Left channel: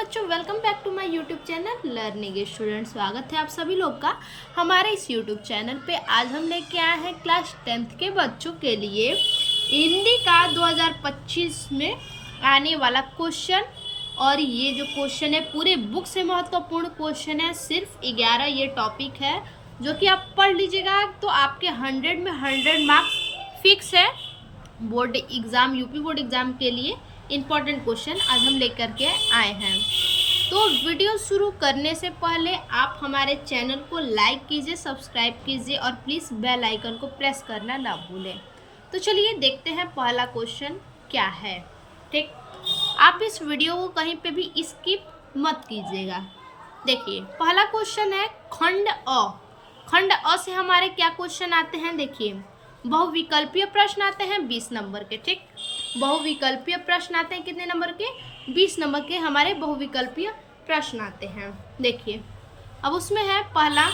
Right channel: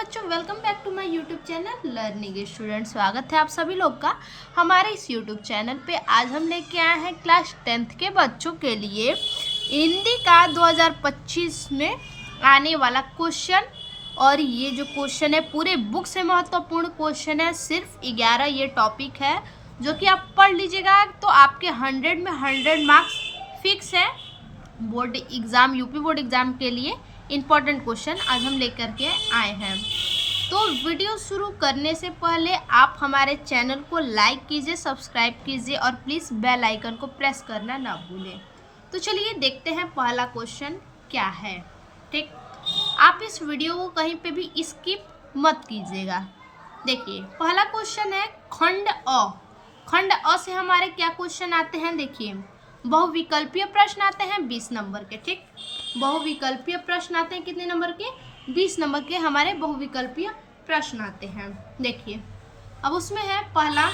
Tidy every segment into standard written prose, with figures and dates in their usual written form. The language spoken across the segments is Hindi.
बच्चों, welcome back to my YouTube channel learning student. स्वागत है आप सभी लोग का हमारे इस यूट्यूब चैनल पे। आज हम लेके आए हैं क्लास 10th के बच्चों के लिए हिंदी का 2025 में आने वाला क्वेश्चन। और ये जो क्वेश्चन है पूरे बुक से महत्वपूर्ण क्वेश्चन है। सिर्फ 11 ये टॉपिक है जो कि आप पढ़ लीजिएगा तो आपके 100 में 100 मार्क्स फिक्स है। Board exam, UP board exam के लिए इम्पॉर्टेंट क्वेश्चन आज हम लेकर के आए हैं। तो वीडियो शुरू करने से पहले आप हमारे चैनल को लाइक कीजिए, सब्सक्राइब कीजिए और प्लीज़ बेल आइकन को प्रेस करना ना भूलें। तो चलिए देखते हैं पहला क्वेश्चन क्या है। ठीक, आप इस वीडियो को कहीं पे भी स्किप मत कीजिएगा। देखिए पहला क्वेश्चन है खंड अ। खंड अ से हमारे क्या क्वेश्चन आते हैं, देखिए बहुविकल्पीय प्रश्न आते हैं 20 नंबर के। ठीक, बहुविकल्पीय प्रश्न आते हैं कितने नंबर के? 20 नंबर के हमारे बहुविकल्पीय प्रश्न आते हैं। देखिए अब उसमें है पहला,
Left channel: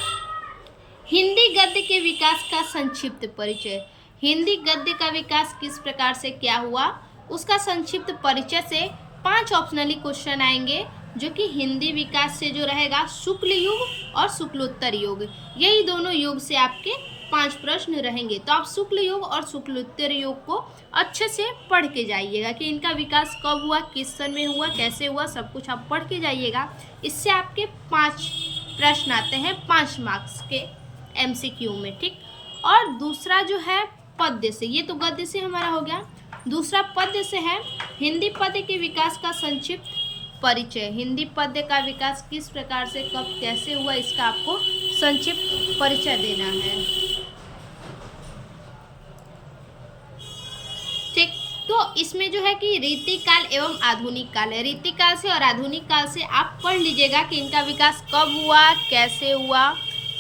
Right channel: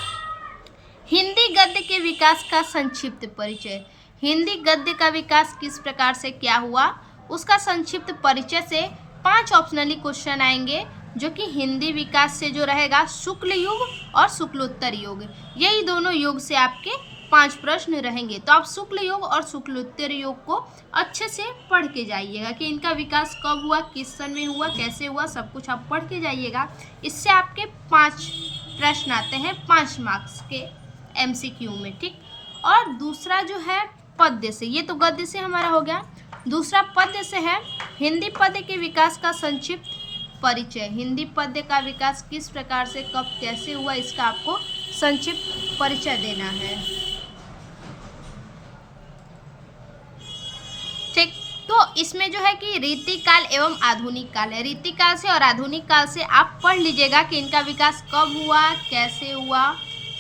हिंदी गद्य के विकास का संक्षिप्त परिचय। हिंदी गद्य का विकास किस प्रकार से क्या हुआ, उसका संक्षिप्त परिचय से 5 ऑप्शनली क्वेश्चन आएंगे जो कि हिंदी विकास से जो रहेगा शुक्ल युग और शुक्लोत्तर युग, यही दोनों युग से आपके 5 प्रश्न रहेंगे। तो आप शुक्ल युग और शुक्लोत्तर युग को अच्छे से पढ़ के जाइएगा कि इनका विकास कब हुआ, किस सन में हुआ, कैसे हुआ, सब कुछ आप पढ़ के जाइएगा। इससे आपके 5 प्रश्न आते हैं 5 मार्क्स के MCQ में। ठीक, और दूसरा जो है पद्य से, ये तो गद्य से हमारा हो गया। दूसरा पद्य से है हिंदी पद्य के विकास का संक्षिप्त परिचय। हिंदी पद्य का विकास किस प्रकार से कब कैसे हुआ, इसका आपको संक्षिप्त परिचय देना है। ठीक, तो इसमें जो है कि रीतिकाल एवं आधुनिक काल है। रीतिकाल से और आधुनिक काल से आप पढ़ लीजिएगा कि इनका विकास कब हुआ, कैसे हुआ,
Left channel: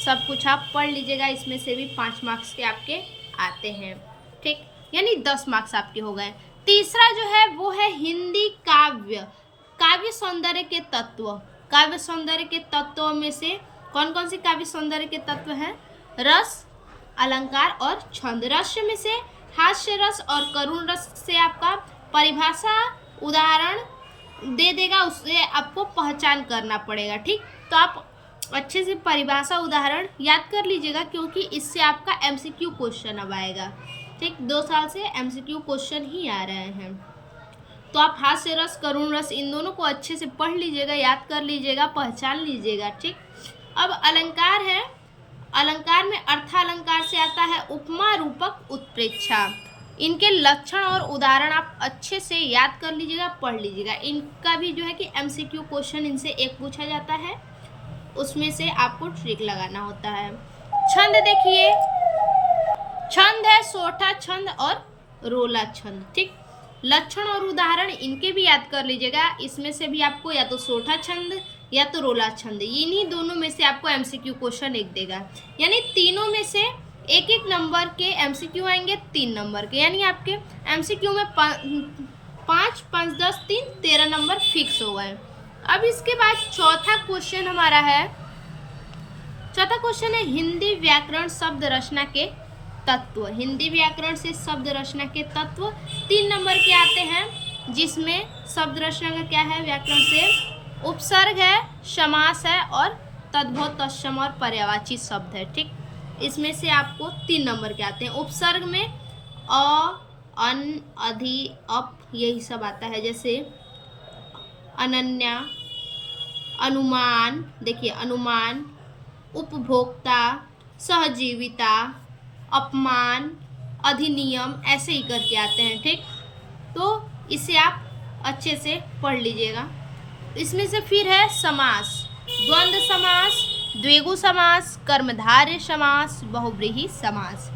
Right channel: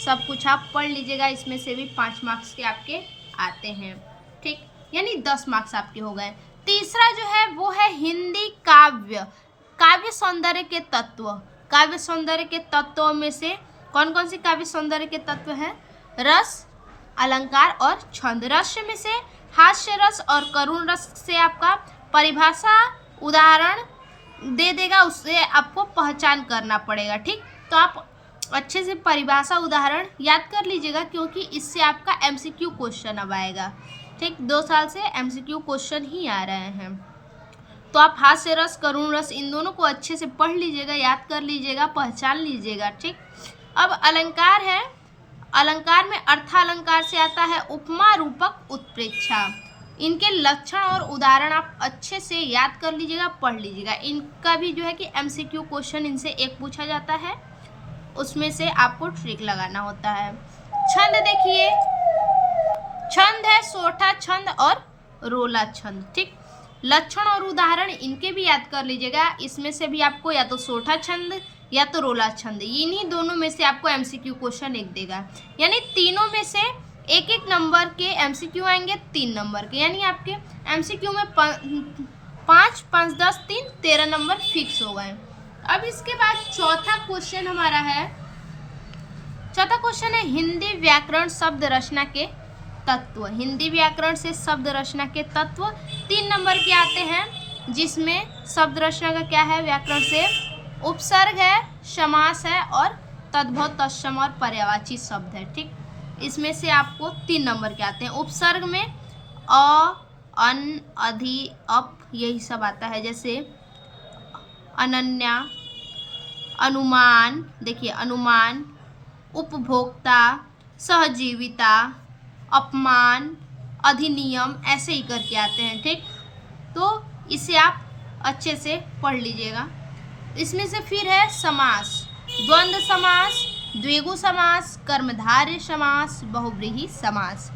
सब कुछ आप पढ़ लीजिएगा। इसमें से भी 5 मार्क्स के आपके आते हैं। ठीक, यानी 10 मार्क्स आपके हो गए। तीसरा जो है वो है हिंदी काव्य, काव्य सौंदर्य के तत्व। काव्य सौंदर्य के तत्वों में से कौन कौन से काव्य सौंदर्य के तत्व हैं? रस, अलंकार और छंद। रस में से हास्य रस और करुण रस से आपका परिभाषा उदाहरण दे देगा, उससे आपको पहचान करना पड़ेगा। ठीक, तो आप अच्छे से परिभाषा उदाहरण याद कर लीजिएगा क्योंकि इससे आपका MCQ क्वेश्चन अब आएगा। ठीक, 2 साल से MCQ क्वेश्चन ही आ रहे हैं। तो आप हास्य रस, करुण रस, इन दोनों को अच्छे से पढ़ लीजिएगा, याद कर लीजिएगा, पहचान लीजिएगा। ठीक, अब अलंकार है। अलंकार में अर्थालंकार से आता है उपमा, रूपक, उत्प्रेक्षा। इनके लक्षण और उदाहरण आप अच्छे से याद कर लीजिएगा, पढ़ लीजिएगा। इनका भी जो है कि MCQ क्वेश्चन इनसे एक पूछा जाता है, उसमें से आपको ट्रिक लगाना होता है। छंद देखिए, छंद है सोठा छंद और रोला छंद। ठीक, लक्षण और उदाहरण इनके भी याद कर लीजिएगा। इसमें से भी आपको या तो सोठा छंद या तो रोला छंद, इन्हीं दोनों में से आपको MCQ क्वेश्चन एक देगा। यानी तीनों में से एक एक नंबर के MCQ आएंगे, 3 नंबर के, यानी आपके MCQ में 5, 5, 10, 3, 13 नंबर फिक्स हो गए। अब इसके बाद चौथा क्वेश्चन हमारा है, चौथा क्वेश्चन है हिंदी व्याकरण शब्द रचना के तत्व। हिंदी व्याकरण से शब्द रचना के तत्व 3 नंबर के आते हैं, जिसमें शब्द रचना का क्या है व्याकरण से? उपसर्ग है, समास है और तद्भव, तत्सम और पर्यायवाची शब्द है। ठीक, इसमें से आपको 3 नंबर के आते हैं। उपसर्ग में अ, अन, अधि, अप, यही सब आता है। जैसे अनन्या, अनुमान, देखिए अनुमान, उपभोक्ता, सहजीविता, अपमान, अधिनियम, ऐसे ही करके आते हैं। ठीक, तो इसे आप अच्छे से पढ़ लीजिएगा। इसमें से फिर है समास, द्वंद्व समास, द्विगु समास, कर्मधारय समास, बहुव्रीहि समास।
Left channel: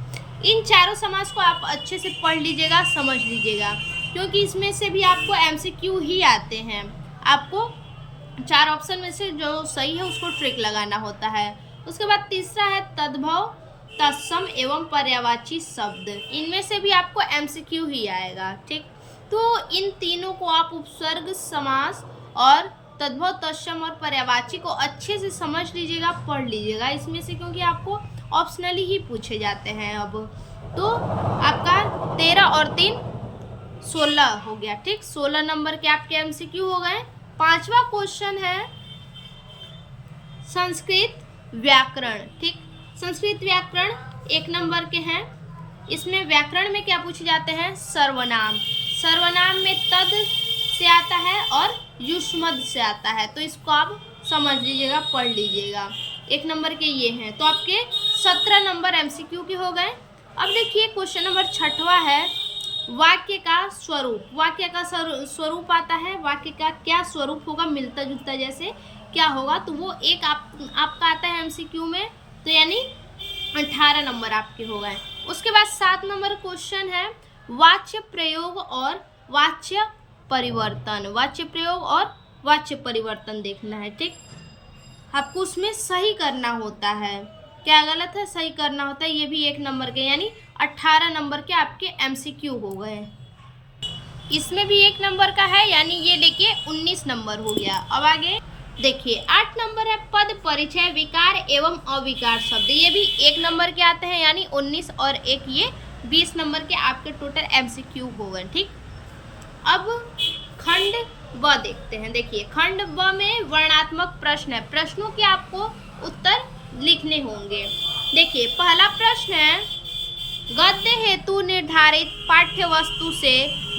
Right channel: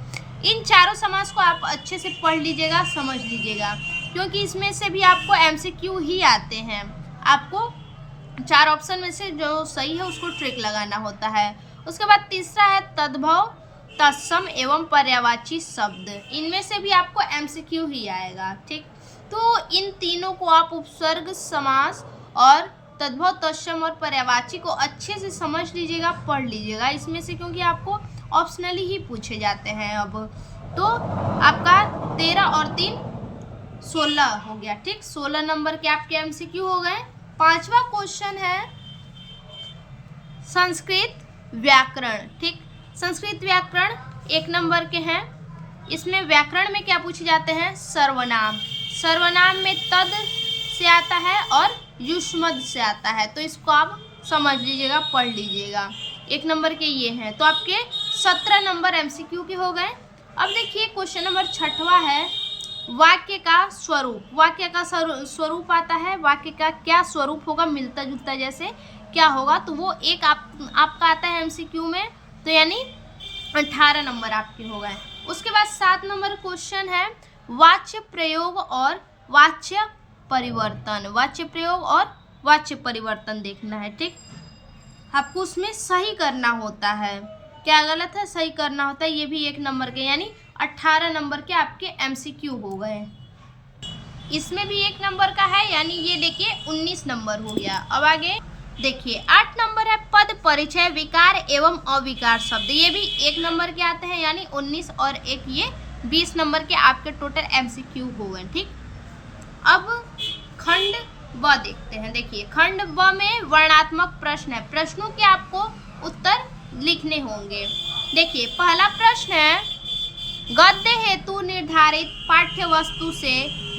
इन चारों समास को आप अच्छे से पढ़ लीजिएगा, समझ लीजिएगा, क्योंकि इसमें से भी आपको MCQ ही आते हैं। आपको 4 ऑप्शन में से जो सही है उसको ट्रिक लगाना होता है। उसके बाद तीसरा है तद्भव, तत्सम एवं पर्यायवाची शब्द। इनमें से भी आपको MCQ ही आएगा। ठीक, तो इन तीनों को आप उपसर्ग, समास और तद्भव, तत्सम और पर्यायवाची को अच्छे से समझ लीजिएगा, पढ़ लीजिएगा इसमें से, क्योंकि आपको ऑप्शनली ही पूछे जाते हैं। अब तो आपका 13 और 3 16 हो गया। ठीक, 16 नंबर के आपके MCQ हो गए। पांचवा क्वेश्चन है संस्कृत व्याकरण। ठीक, संस्कृत व्याकरण 1 नंबर के हैं। इसमें व्याकरण में क्या पूछे जाते हैं? सर्वनाम। सर्वनाम में तद से आता है और युष्मद से आता है, तो इसको आप समझ लीजिएगा, पढ़ लीजिएगा। 1 नंबर के ये हैं, तो आपके 17 नंबर MCQ के हो गए। अब देखिए क्वेश्चन नंबर 6वां है वाक्य का स्वरूप। वाक्य का स्वरूप आता है, वाक्य का क्या स्वरूप होगा, मिलता जुलता जैसे क्या होगा, तो वो एक आपका आता है MCQ में, तो यानी 18 नंबर आपके हो गए। उसके बाद 7 नंबर क्वेश्चन है वाच्य प्रयोग और वाच्य परिवर्तन। वाच्य प्रयोग और वाच्य परिवर्तन देखना है। ठीक, आपको उसमें सही करना होता है, क्या गलत है सही करना होता है। ये भी 1 नंबर के, यानी 18 नंबर के आपके MCQ हो गए। इसमें भी 1 नंबर का है, यानी ये लेके 19 नंबर हो गया। अब आगे देखिए 8 नंबर है पद परिचय विकार एवं अविकार शब्द। ये भी 1 नंबर के आते हैं, यानी 19 और 1 ये 20 नंबर के आपके टोटल MCQ हो गए। ठीक, अब खंड व देखते हैं। देखिए खंड व में वर्णात्मक प्रश्न है, प्रश्नों के आपको उत्तर लिखने होंगे। देखिए पहला प्रश्न है गद्य हेतु निर्धारित पाठ्य वस्तु से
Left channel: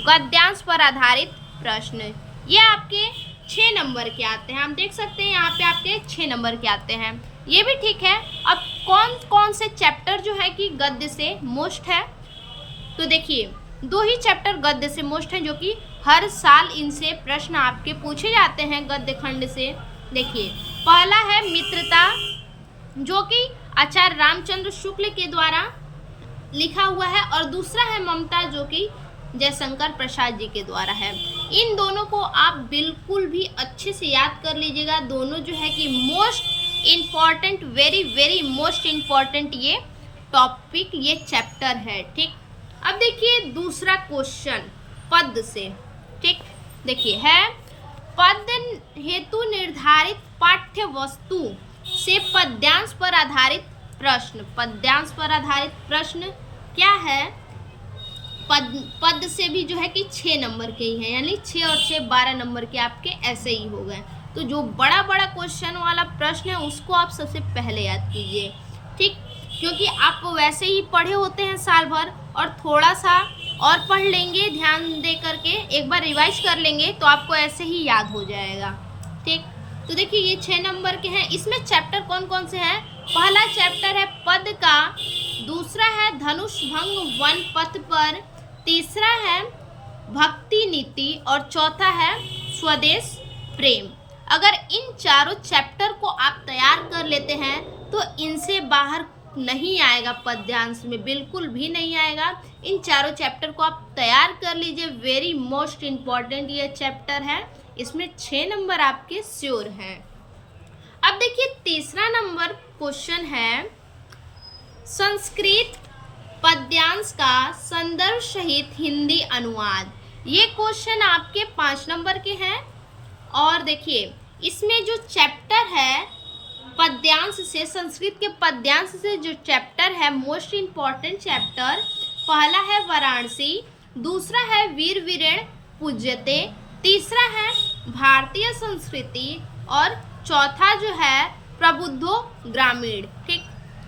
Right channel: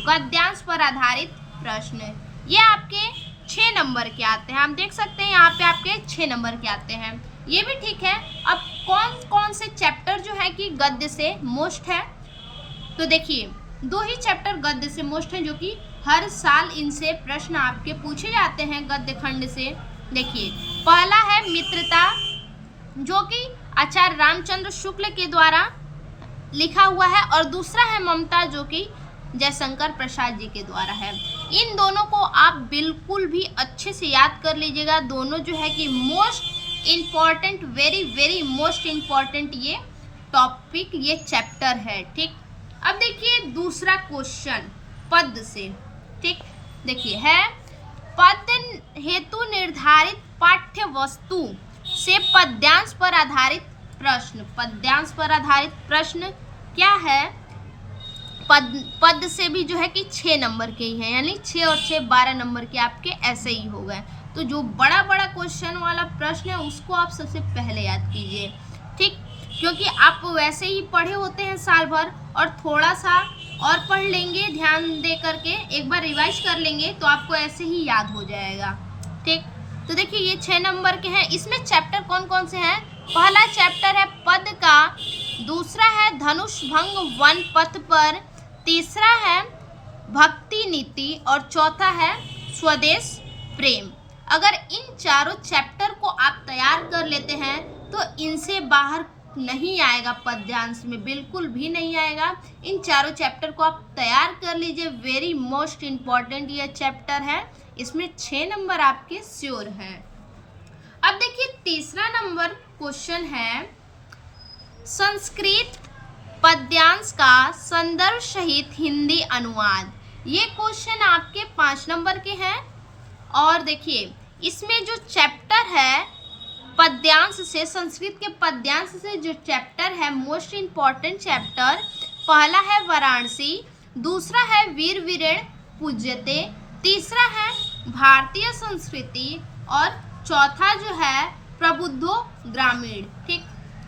गद्यांश पर आधारित प्रश्न। ये आपके 6 नंबर के आते हैं, हम देख सकते हैं यहाँ पे आपके 6 नंबर के आते हैं, ये भी ठीक है। अब कौन कौन से चैप्टर जो है कि गद्य से मोस्ट है, तो देखिए 2 ही चैप्टर गद्य से मोस्ट हैं, जो कि हर साल इनसे प्रश्न आपके पूछे जाते हैं गद्य खंड से। देखिए पहला है मित्रता, जो कि आचार्य रामचंद्र शुक्ल के द्वारा लिखा हुआ है, और दूसरा है ममता, जो कि जयशंकर प्रसाद जी के द्वारा है। इन दोनों को आप बिल्कुल भी अच्छे से याद कर लीजिएगा। दोनों जो है कि most important, very very most important ये टॉपिक, ये चैप्टर है। ठीक, अब देखिए दूसरा क्वेश्चन पद से। ठीक, देखिए है पद हेतु निर्धारित पाठ्य वस्तु से पद्यांश पर आधारित प्रश्न। पद्यांश पर आधारित प्रश्न क्या है? पद से भी जो है कि 6 नंबर के ही हैं, यानी 6 और 6 12 नंबर के आपके ऐसे ही हो गए। तो जो बड़ा बड़ा क्वेश्चन वाला प्रश्न है उसको आप सबसे पहले याद कीजिए। ठीक, क्योंकि आप वैसे ही पढ़े होते हैं साल भर, और थोड़ा सा और पढ़ लेंगे, ध्यान दे करके एक बार रिवाइज कर लेंगे तो आपको ऐसे ही याद हो जाएगा। ठीक, तो देखिए ये 6 नंबर के हैं। इसमें चैप्टर कौन कौन से हैं? पहला चैप्टर है पद का, दूसरा है धनुष भंग वन पथ पर, तीसरा है भक्ति नीति, और चौथा है स्वदेश प्रेम। अगर इन चारों चैप्टर को आप तैयार कर लेते हैं तो इनसे बाहर नहीं आएगा, पद्यांश में बिल्कुल भी नहीं आएगा। इन चारों चैप्टर को आप तैयार कर लीजिए, वेरी मोस्ट इम्पॉर्टेंट ये चैप्टर है, इसमें 6 नंबर आपके श्योर हैं। अब देखिए तीसरा नंबर क्वेश्चन है संस्कृत पद्यांश का संदर्भ सहित हिंदी अनुवाद। ये क्वेश्चन आपके 5 नंबर के हैं, और देखिए इसमें जो चैप्टर है पद्यांश से, संस्कृत के पद्यांश से जो चैप्टर है मोस्ट इम्पॉर्टेंट चैप्टर, पहला है वाराणसी, दूसरा है वीर वीरेण पूज्यते, तीसरा है भारतीय संस्कृति, और चौथा जो है प्रबुद्धो ग्रामीण। ठीक,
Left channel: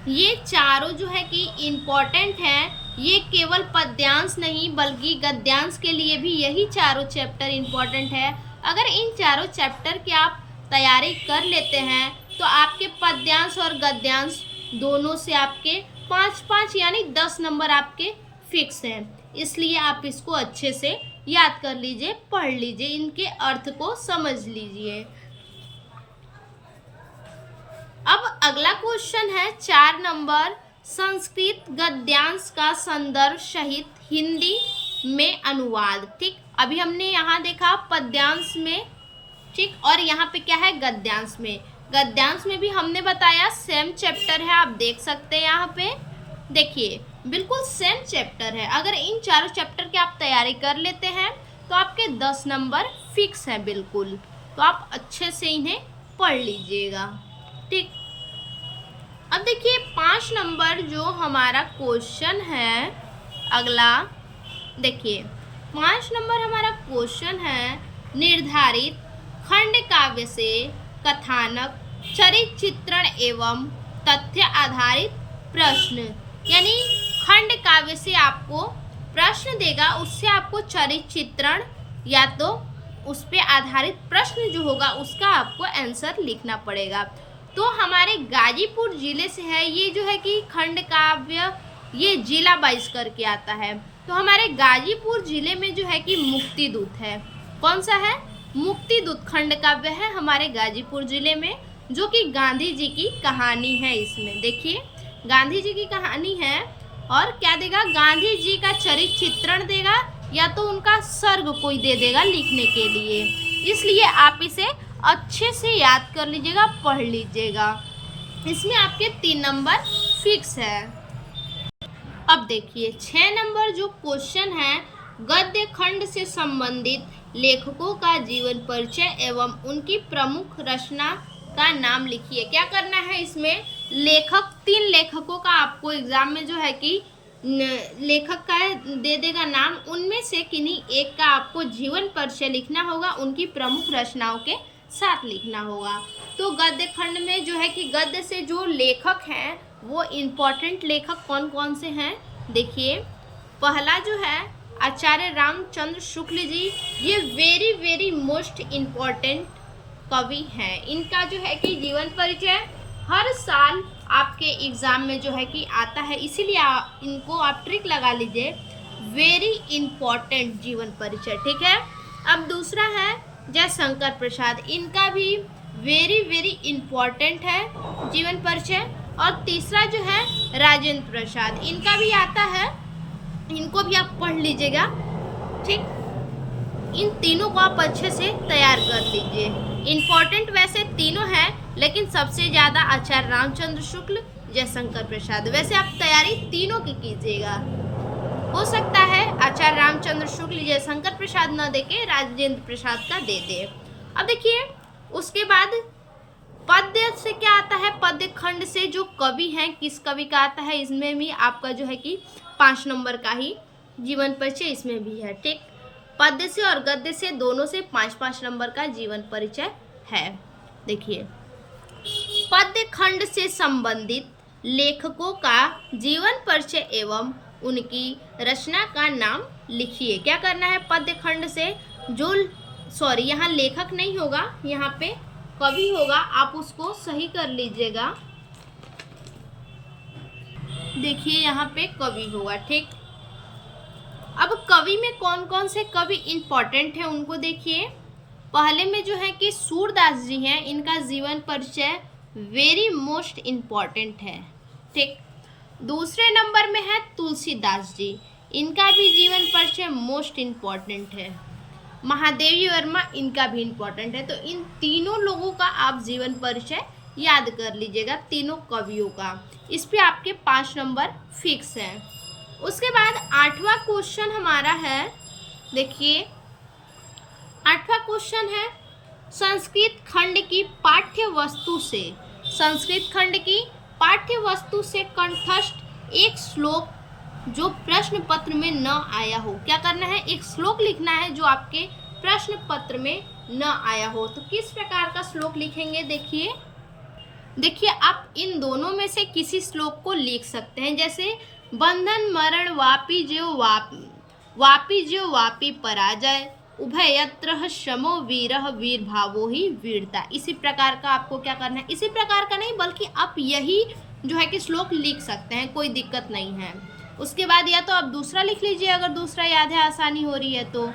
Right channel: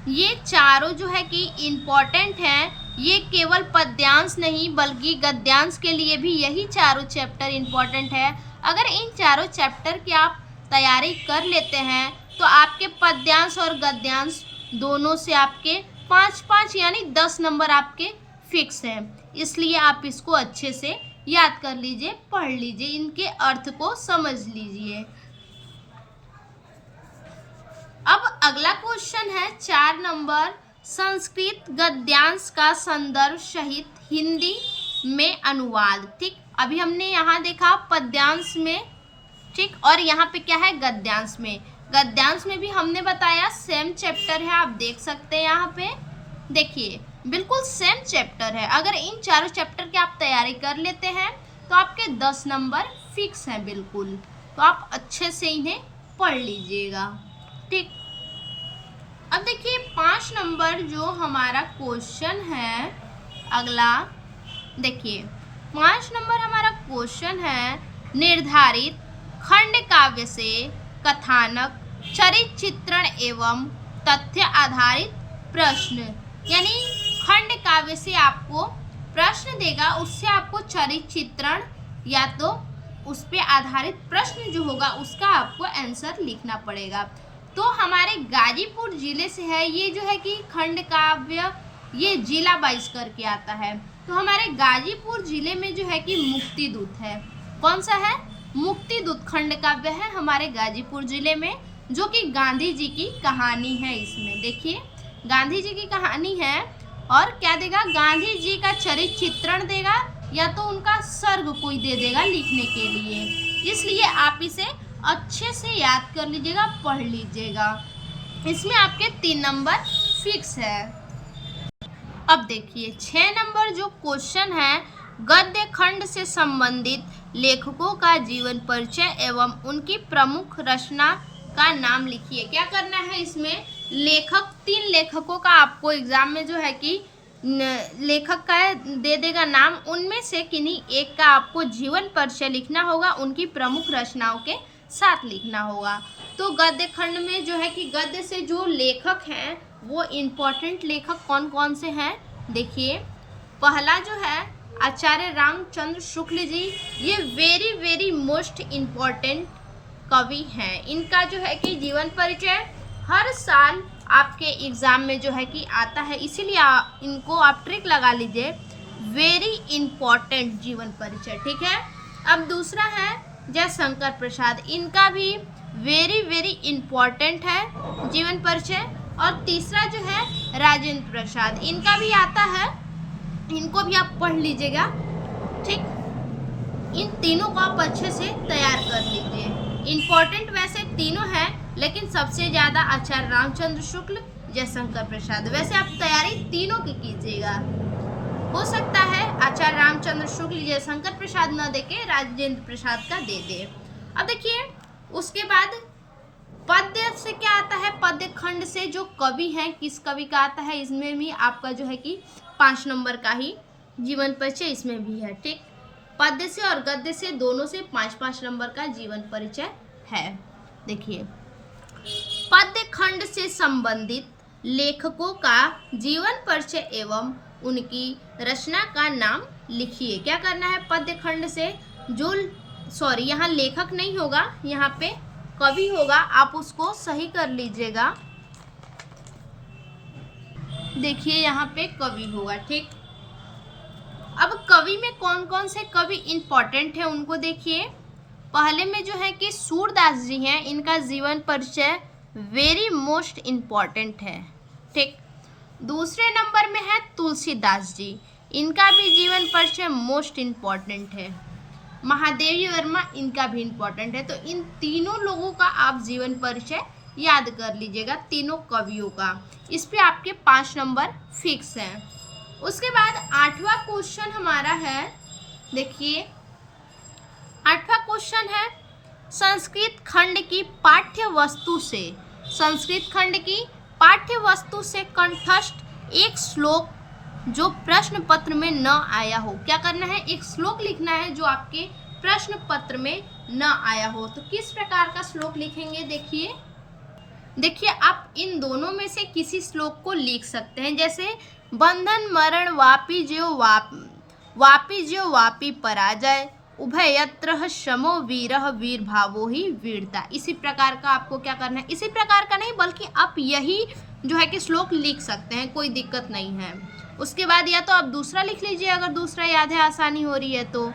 ये चारों जो है कि इम्पॉर्टेंट हैं। ये केवल पद्यांश नहीं बल्कि गद्यांश के लिए भी यही चारों चैप्टर इम्पॉर्टेंट है। अगर इन चारों चैप्टर की आप तैयारी कर लेते हैं तो आपके पद्यांश और गद्यांश दोनों से आपके 5-5 यानी 10 नंबर आपके फिक्स हैं। इसलिए आप इसको अच्छे से याद कर लीजिए, पढ़ लीजिए, इनके अर्थ को समझ लीजिए। अब अगला क्वेश्चन है 4 नंबर संस्कृत गद्यांश का संदर्भ सहित हिंदी में अनुवाद। ठीक, अभी हमने यहाँ देखा पद्यांश में, ठीक, और यहाँ पे क्या है गद्यांश में। गद्यांश में भी हमने बताया सेम चैप्टर है, आप देख सकते हैं यहाँ पे, देखिए बिल्कुल सेम चैप्टर है। अगर इन चारों चैप्टर की आप तैयारी कर लेते हैं तो आपके 10 नंबर फिक्स हैं बिल्कुल, तो आप अच्छे से इन्हें पढ़ लीजिएगा। ठीक, अब देखिए 5 नंबर जो हमारा क्वेश्चन है अगला, देखिए 5 नंबर हमारा क्वेश्चन है निर्धारित खंड काव्य से कथानक, चरित्र चित्रण एवं तथ्य आधारित प्रश्न। यानी खंड काव्य से आपको प्रश्न देगा, उससे आपको चरित्र चित्रण या तो उस पे आधारित प्रश्न जो होगा उसका आपको आंसर लिखना पड़ेगा। तो हमारे गाजीपुर जिले से है ये जो है कि खंड काव्य, ये जिला वाइज करके आता है। तो हमारे गाजीपुर जिले में जो है कि मुक्ति दूत है। कौन सा है? मुक्ति दूत खंड काव्य है हमारे गाजीपुर जिले में, जो कि गांधी जी की कहानी है। इसमें देखिए गांधी जी की कहानी है और क्या देगा, गांधी जी का चरित्र चित्रण देगा या तो उनका सर्ग कोई दे देगा लिखने के लिए। इसलिए आप इसे अच्छे से याद कर लीजिएगा, पढ़ लीजिएगा। इसमें आपके 3 नंबर फिक्स है। अब देखिए 6 नंबर जो क्वेश्चन है, गद्य खंड से संबंधित लेखकों का जीवन परिचय एवं उनकी प्रमुख रचना का नाम लिखिए। क्या करना है इसमें, लेखक 3 लेखकों का आपको एग्जाम में जो है कि लेखक का दे देगा नाम, उनमें से किन्हीं एक का आपको जीवन परिचय लिखना होगा, उनकी प्रमुख रचनाओं के साथ लिखना होगा। तो गद्य खंड में जो है कि गद्य से जो लेखक हैं वो इम्पोर्टेंट लेखक कौन कौन से हैं, देखिए पहला जो है आचार्य रामचंद्र शुक्ल जी, ये वेरी मोस्ट इम्पॉर्टेंट कवि हैं। इनका जो है कि जीवन परिचय हर साल आपके एग्ज़ाम में जो है कि आता है, इसीलिए इनको आप ट्रिक लगा लीजिए, वेरी इम्पॉर्टेंट जीवन परिचय, ठीक है। अब दूसरा है जयशंकर प्रसाद, इनका भी वेरी इम्पॉर्टेंट है जीवन परिचय। और तीसरा जो है राजेंद्र प्रसाद, इनका भी आता है, इनको भी आप पढ़ लीजिएगा, ठीक। इन तीनों को आप अच्छे से तैयार कर लीजिए। इम्पॉर्टेंट वैसे तीनों हैं, लेकिन सबसे ज़्यादा आचार्य रामचंद्र शुक्ल, जयशंकर प्रसाद। वैसे आप तैयारी तीनों की कीजिएगा। हो सकता है आचार्य रामचंद्र शुक्ल जयशंकर प्रसाद न देके राजेंद्र प्रसाद का दे दे। अब देखिए उसके बाद पद्य से क्या आता है, पद्य खंड से जो कवि हैं किस कवि का आता है, इसमें भी आपका जो है कि 5 नंबर का ही जीवन परिचय इसमें भी है, ठीक। पद्य से और गद्य से दोनों से 5-5 नंबर का जीवन परिचय है। देखिए पद्य खंड से संबंधित लेखकों का जीवन परिचय एवं उनकी रचना का नाम लिखिए। क्या करना है, पद्य खंड से जो यहाँ लेखक नहीं होगा, यहाँ पे कवि होगा, आप उसको सही कर लीजिएगा। देखिए यहाँ पे कवि होगा, ठीक। अब कवि में कौन कौन से कवि इंपॉर्टेंट है उनको देखिए। पहले में जो है कि सूरदास जी हैं, इनका जीवन परिचय वेरी मोस्ट इम्पॉर्टेंट है, ठीक। दूसरे नंबर में है तुलसीदास जी, इनका भी जीवन परिचय मोस्ट इम्पॉर्टेंट है। महादेवी वर्मा, इनका भी इम्पॉर्टेंट है। तो इन तीनों लोगों का आप जीवन परिचय याद कर लीजिएगा, तीनों कवियों का। इस पे आपके 5 नंबर फिक्स हैं। उसके बाद 8वां क्वेश्चन हमारा है, देखिए 8वां क्वेश्चन है संस्कृत खंड की पाठ्य वस्तु से, संस्कृत खंड की पाठ्य वस्तु से कंठस्थ एक श्लोक जो प्रश्न पत्र में न आया हो। क्या करना है, एक श्लोक लिखना है जो आपके प्रश्न पत्र में न आया हो। तो किस प्रकार का श्लोक लिखेंगे, देखिए आप इन दोनों में से किसी श्लोक को लिख सकते हैं। जैसे बंधन मरण वापी ज्यो वापी पराजय, उभयत्र शमो वीरः वीर भावो ही वीरता। इसी प्रकार का आपको क्या करना है, इसी प्रकार का नहीं बल्कि आप यही जो है कि श्लोक लिख सकते हैं, कोई दिक्कत नहीं है। उसके बाद या तो आप दूसरा लिख लीजिए, अगर दूसरा याद है, आसानी हो रही है तो,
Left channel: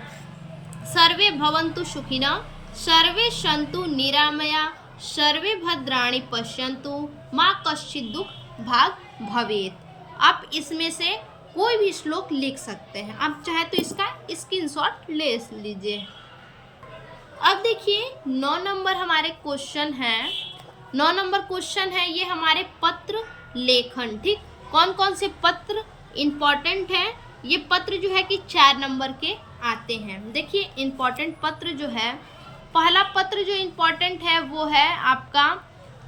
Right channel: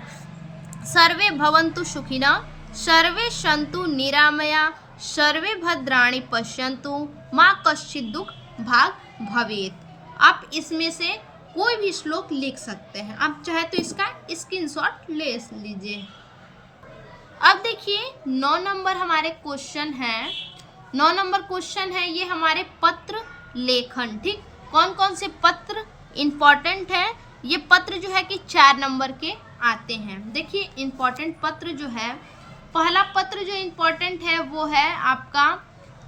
सर्वे भवन्तु सुखिनः सर्वे सन्तु निरामया सर्वे भद्राणि पश्यन्तु माँ कश्चित् दुख भाग भवेत्। आप इसमें से कोई भी श्लोक लिख सकते हैं, आप चाहे तो इसका स्क्रीनशॉट ले लीजिए। अब देखिए 9 नंबर हमारे क्वेश्चन है, 9 नंबर क्वेश्चन है ये हमारे पत्र लेखन, ठीक। कौन कौन से पत्र इम्पॉर्टेंट है, ये पत्र जो है कि 4 नंबर के आते हैं। देखिए इम्पॉर्टेंट पत्र जो है, पहला पत्र जो इम्पॉर्टेंट है वो है आपका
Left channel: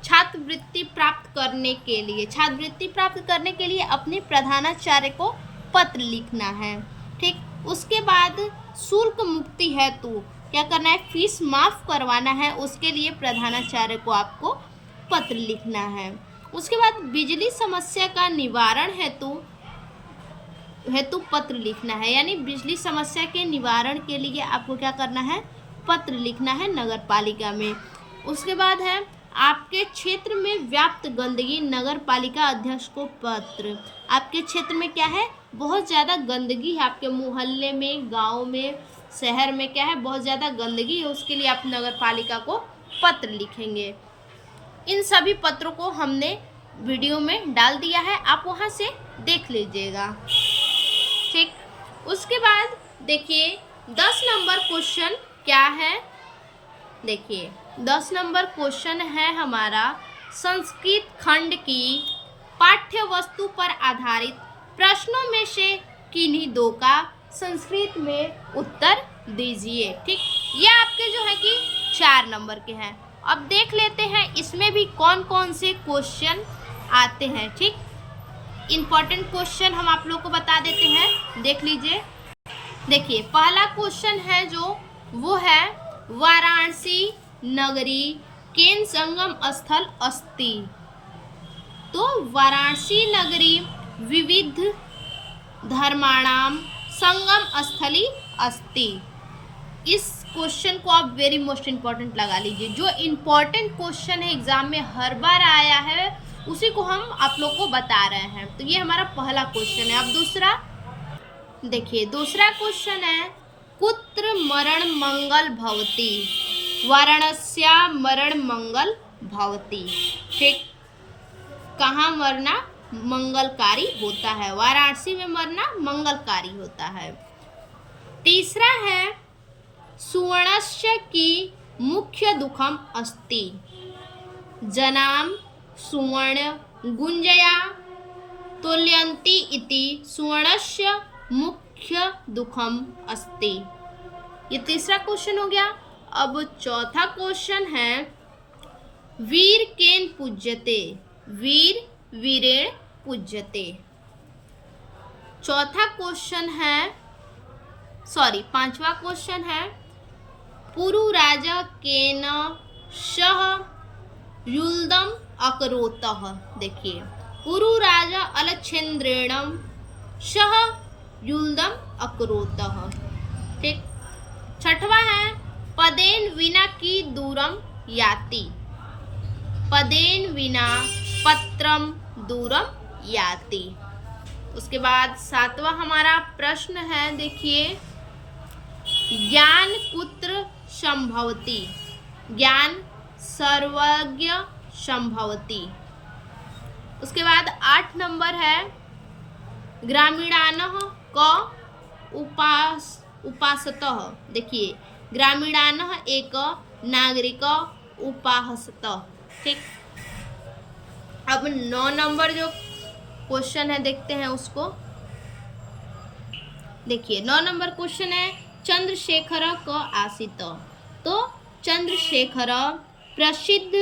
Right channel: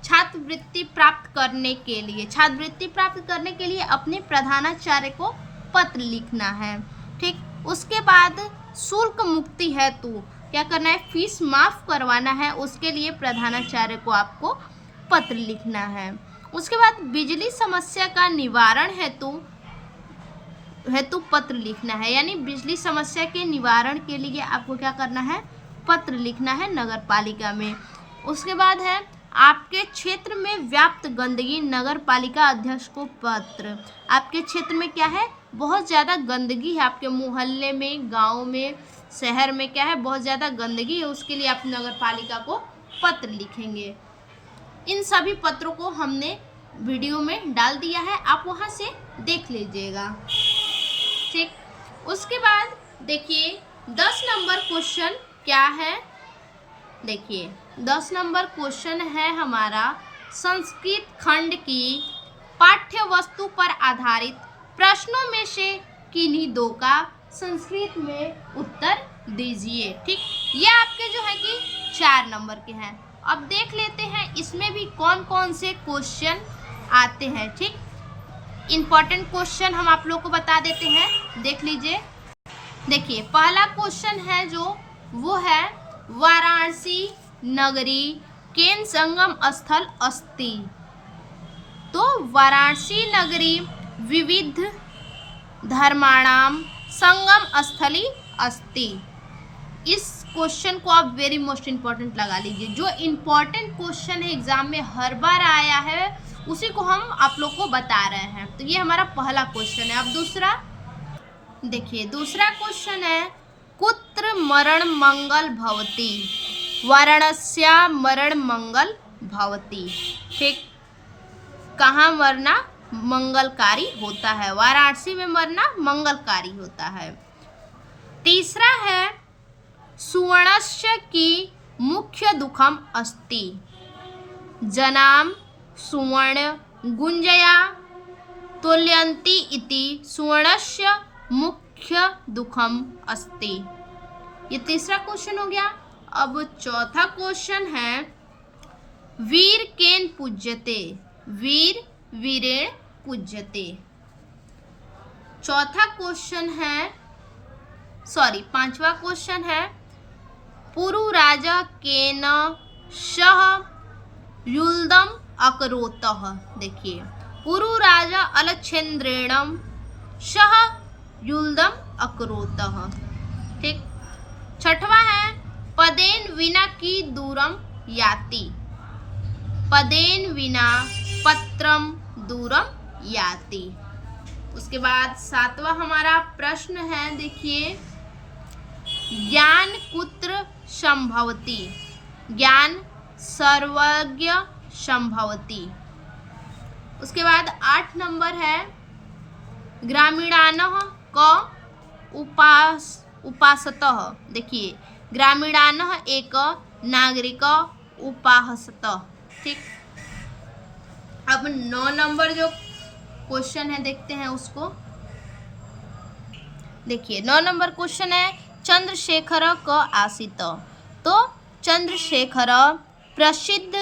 छात्रवृत्ति प्राप्त करने के लिए, छात्रवृत्ति प्राप्त करने के लिए अपने प्रधानाचार्य को पत्र लिखना है, ठीक। उसके बाद शुल्क मुक्ति हेतु क्या करना है, फीस माफ़ करवाना है, उसके लिए प्रधानाचार्य को आपको पत्र लिखना है। उसके बाद बिजली समस्या का निवारण हेतु पत्र लिखना है, यानी बिजली समस्या के निवारण के लिए आपको क्या करना है, पत्र लिखना है नगर पालिका में। उसके बाद है आपके क्षेत्र में व्याप्त गंदगी, नगर पालिका अध्यक्ष को पत्र। आपके क्षेत्र में क्या है, बहुत ज़्यादा गंदगी है, आपके मोहल्ले में, गांव में, शहर में क्या है, बहुत ज़्यादा गंदगी है, उसके लिए आप नगर पालिका को पत्र लिखेंगे। इन सभी पत्रों को हमने वीडियो में डाल दिया है, आप वहाँ से देख लीजिएगा, ठीक। उसके बाद देखिए 10 नंबर क्वेश्चन क्या है, देखिए 10 नंबर क्वेश्चन है हमारा संस्कृत खंड की पाठ्य वस्तु पर आधारित प्रश्नों में से किन्हीं दो का संस्कृत में उत्तर दीजिए, ठीक। ये आपके जो है कि 4 नंबर के हैं। अब देख लेते हैं इसमें भी कौन कौन से क्वेश्चन आते हैं, ठीक। इम्पॉर्टेंट क्वेश्चन हम आप लोग को बता देते हैं, देख लीजिए। देखिए पहला क्वेश्चन है जो वो है वाराणसी नगरी केन संगम स्थल अस्ति। तो वाराणसी नगरी विविध धर्माणाम संगम स्थली अस्ति। इस क्वेश्चन को आप वेरी मोस्ट इम्पॉर्टेंट लगा लीजिए। जो इम्पॉर्टेंट क्वेश्चन है एग्जाम में हर बार आया है उसी को हम आप लोग को बता रहे हैं। तो ये हमारा पहला क्वेश्चन है। अब दूसरा देखिए, दूसरा क्वेश्चन है कुत्र मरण मंगल भवति। वाराणस्या मरण मंगल भवति, ठीक। कहाँ मरना मंगलकारी होता है, वाराणसी में मरना मंगलकारी होता है। तीसरा है सुवर्णस्य की मुख्य दुखम अस्ति। जनाम सुवर्ण गुंजया तुल्यन्ति इति सुवर्णस्य मुख्य दुखम अस्ति। ये तीसरा क्वेश्चन हो गया। अब चौथा क्वेश्चन है वीर केन पूज्यते। वीर वीरेण पूज्यते। चौथा क्वेश्चन है पांचवा क्वेश्चन है पुरु राजा केन सह युल्दम अकरोतः। देखिए पुरु राजा अलक्षेन्द्रेण सह युल्दम अकरोतः, ठीक। छठवा है पदेन विना की दूरम याति। पदेन विना पत्रम दूरम याति। उसके बाद सातवां हमारा प्रश्न है, देखिए ज्ञान कुत्र संभवति। ज्ञान सर्वज्ञ संभवति। उसके बाद 8 नंबर है ग्रामीणानः क उपासतः। देखिए ग्रामीणानः एक नागरिक उपासतः, ठीक। अब 9 नंबर जो क्वेश्चन है देखते हैं उसको। देखिए 9 नंबर क्वेश्चन है चंद्रशेखर क आसित। तो चंद्रशेखर प्रसिद्ध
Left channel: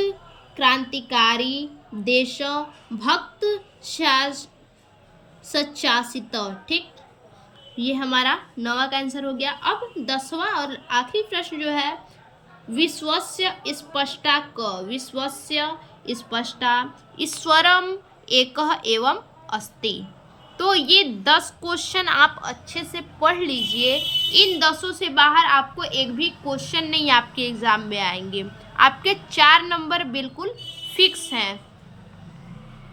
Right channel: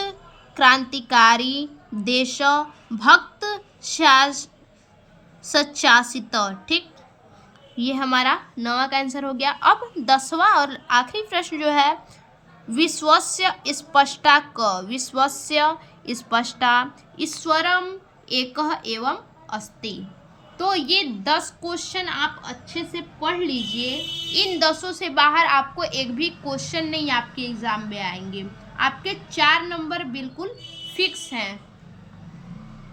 क्रांतिकारी देशभक्त सच्चासित, ठीक। ये हमारा 9वां का आंसर हो गया। अब 10वां और आखिरी प्रश्न जो है विश्वस्य स्पष्टा क। विश्वस्य स्पष्टा ईश्वरम एकः एवं अस्ति। तो ये 10 क्वेश्चन आप अच्छे से पढ़ लीजिए। इन 10 से बाहर आपको एक भी क्वेश्चन नहीं आपके एग्जाम में आएंगे। आपके 4 नंबर बिल्कुल फिक्स हैं।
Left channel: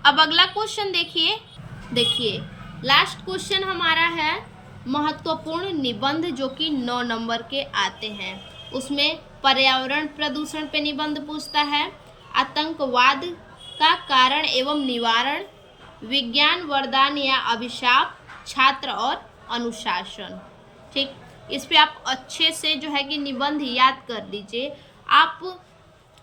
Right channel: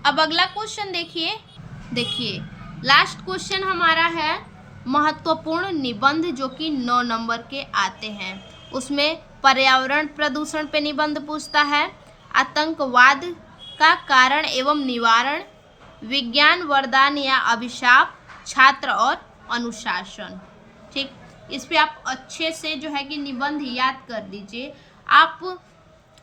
अब अगला क्वेश्चन देखिए लास्ट क्वेश्चन हमारा है महत्वपूर्ण निबंध, जो कि 9 नंबर के आते हैं। उसमें पर्यावरण प्रदूषण पे निबंध पूछता है, आतंकवाद का कारण एवं निवारण, विज्ञान वरदान या अभिशाप, छात्र और अनुशासन, ठीक। इस पे आप अच्छे से जो है कि निबंध याद कर लीजिए। आप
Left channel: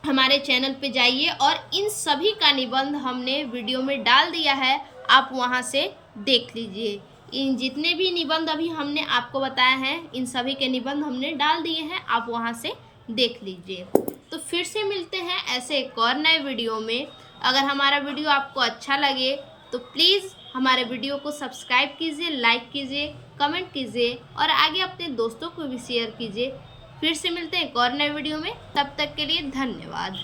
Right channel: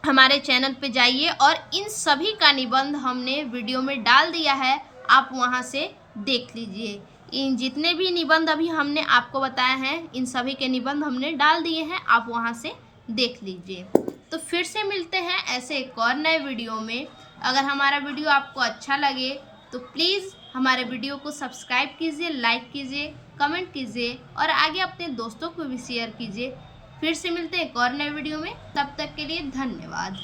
हमारे चैनल पे जाइए और इन सभी का निबंध हमने वीडियो में डाल दिया है, आप वहां से देख लीजिए। इन जितने भी निबंध अभी हमने आपको बताया हैं इन सभी के निबंध हमने डाल दिए हैं, आप वहां से देख लीजिए। तो फिर से मिलते हैं ऐसे एक और नए वीडियो में। अगर हमारा वीडियो आपको अच्छा लगे तो प्लीज़ हमारे वीडियो को सब्सक्राइब कीजिए, लाइक कीजिए, कमेंट कीजिए और आगे अपने दोस्तों को भी शेयर कीजिए। फिर से मिलते हैं एक और नए वीडियो में, तब तक के लिए धन्यवाद।